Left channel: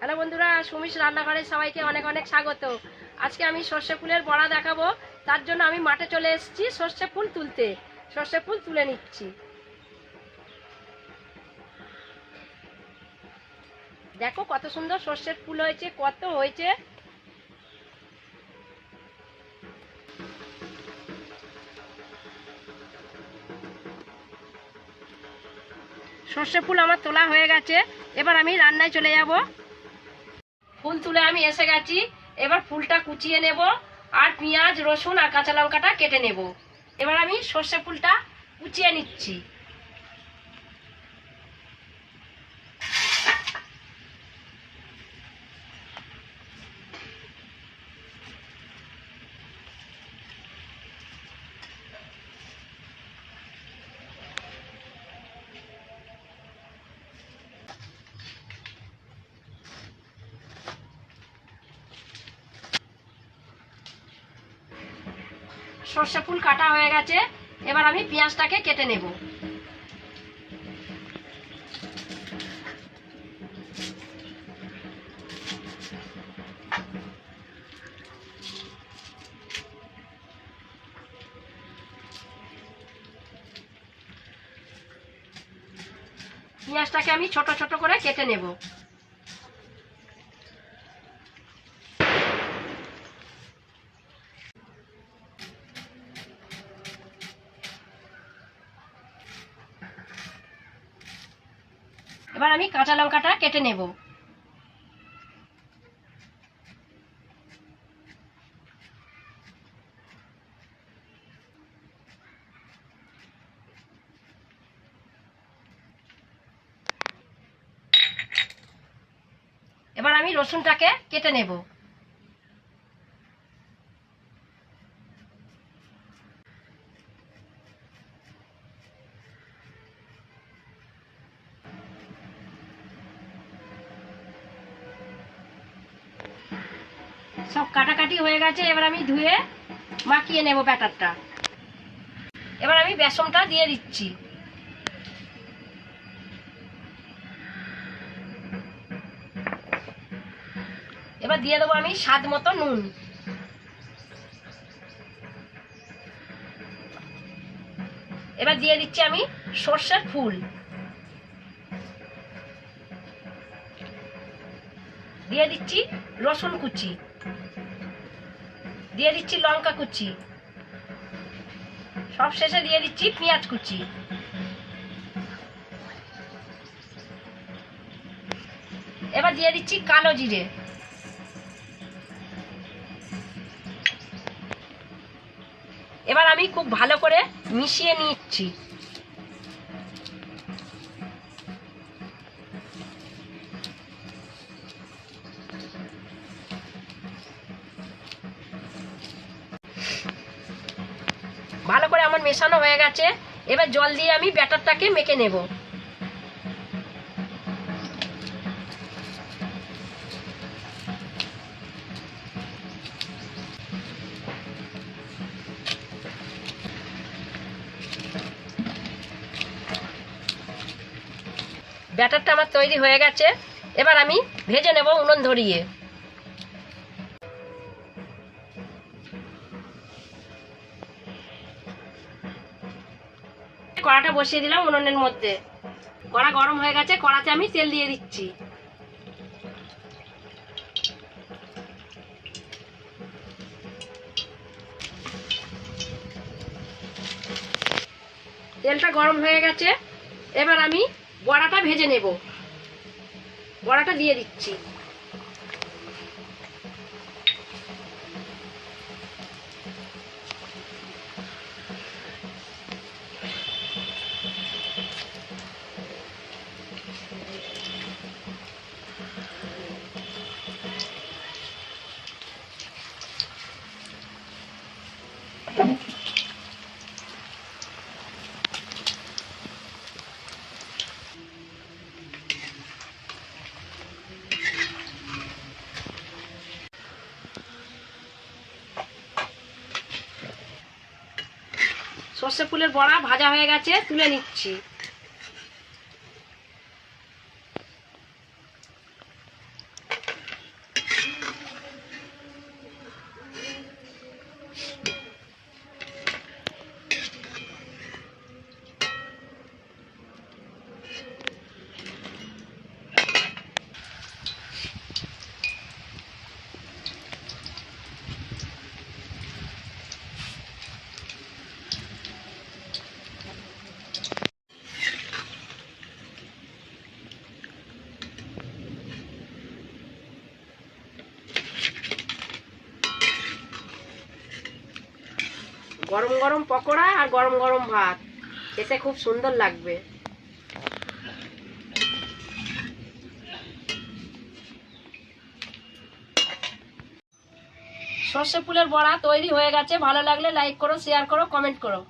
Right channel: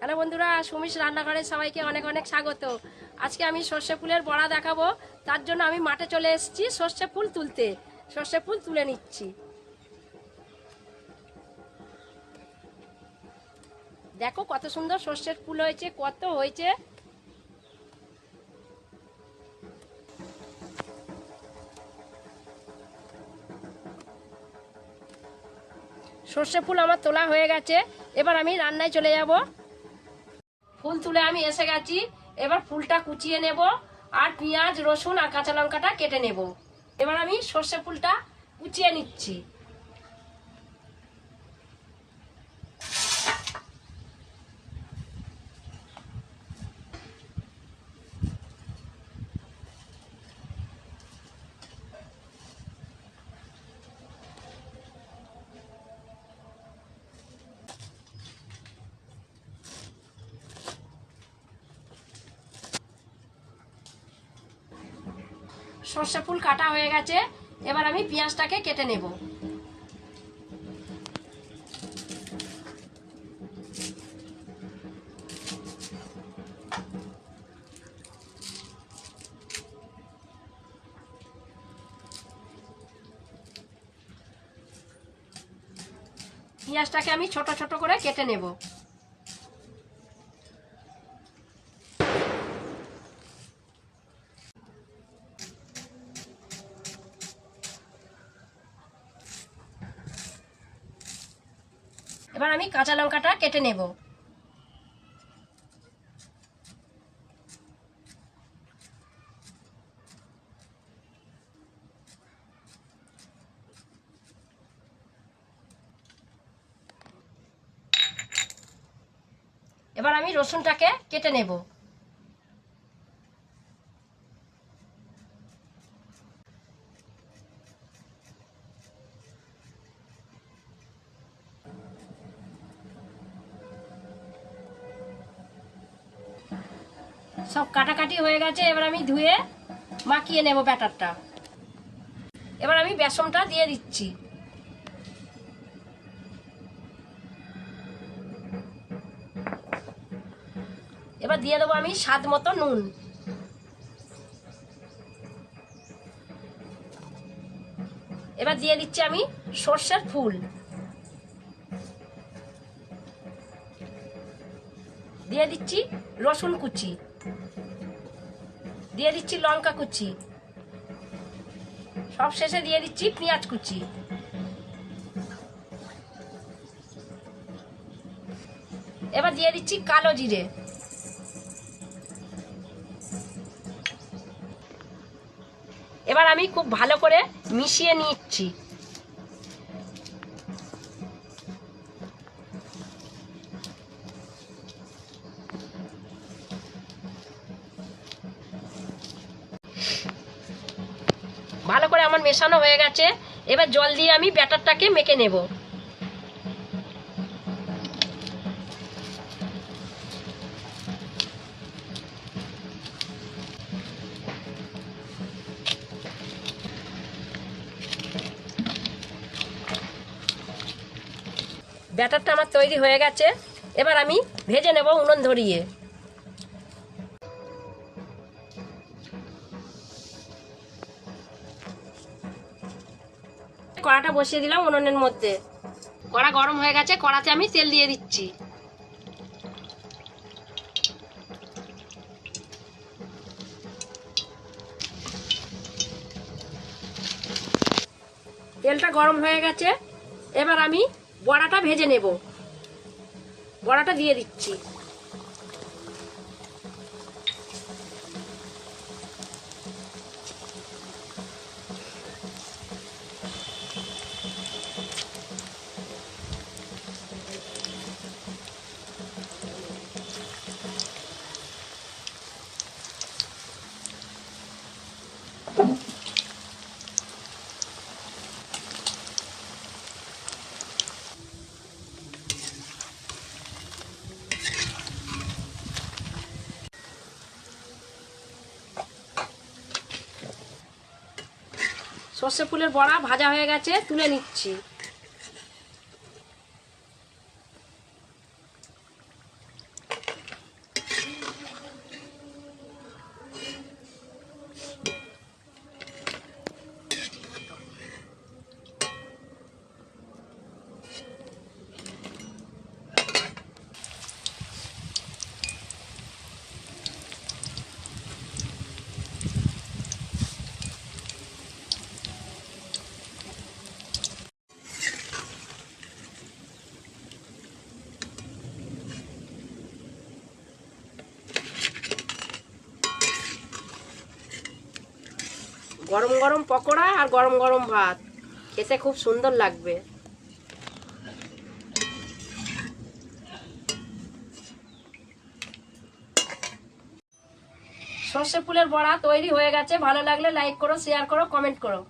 Hello বন্ধুরা, সুমিশ রান্নাঘরে সবাইকে অনেক অনেক স্বাগত। আজকে আমি সর্ষে ফুলের বড়া দেখাবো। তার জন্য আমি মাঠে চলে এসেছি সর্ষে ফুল তুলতে। সর্ষে ফুল তুলে নিচ্ছি। দেখো কত সুন্দর সর্ষের ফুল হয়েছে, কত হয়েছে। সর্ষে ফুল আমার তোলা হয়ে গেছে। এবার আমি রান্নায় চলে যাব। ফুল তুলে আমি এসে গেছি। এবার ফুলটা কুচিয়ে নেব আর পেঁয়াজ, রসুন আর কাঁচা লঙ্কাটা কেটে নেব। এবার আমি সর্ষে ফুলটা কুচিয়ে নিচ্ছি। সর্ষে ফুল কাটা হয়ে গেছে, এবার আমি পেঁয়াজটাকে কেটে নেব। পেঁয়াজটাকে আমি ছোট ছোট করে কেটে নেব। এবার আমি কাঁচা লঙ্কাটা কেটে নেব। এবার আমি রসুনটাকে কেটে নেব। সব কাটাকাটি হয়ে গেছে, এবার আমি ধুয়ে মাখিয়ে নেব ব্যাটারটা। এবার আমি বেসনটা দিয়ে দিচ্ছি। এবার দিয়ে দেবো আমি স্বাদ মতো নুন। এবার দিয়ে দিচ্ছি আমি সর্ষের ফুল। দিয়ে দিচ্ছি রসুন কুচি। দিয়ে দিচ্ছি লঙ্কা কুচি। সব শেষে দিয়ে দিচ্ছি পেঁয়াজ কুচি। এবার দিয়ে দিচ্ছি কালো জিরে। এবার আমি খুব ভালো করে মিশিয়ে নিচ্ছি। আমার মেশানো হয়ে গেছে। এবার জল দিয়ে আমি ব্যাটারটাকে মেখে নেব। ব্যাটারটা আমার তৈরি হয়ে গেছে। এবার আমি ভেজে নেব উনুন ধরিয়ে। কড়াটা বসিয়ে দিলাম উনুনের মধ্যে। কড়া গরম হয়ে গেছে, কড়াতে আমি তেল দিয়ে দিচ্ছি। তেলটা গরম হয়ে গেছে, এবার আমি বড়াটা ভেজে নেব। বড়াটা দিয়ে দিচ্ছি। সর্ষে ফুলের বড়া ভাজা হয়ে গেছে তুলে নিচ্ছি। গরম গরম পকোড়া আর গরম গরম ভাত। খেতে খুব সুন্দর লাগবে। সর্ষে ফুলের বড়া তৈরি হয়ে গেছে। ভালো লাগলে লাইক করো শেয়ার করো কমেন্ট করো।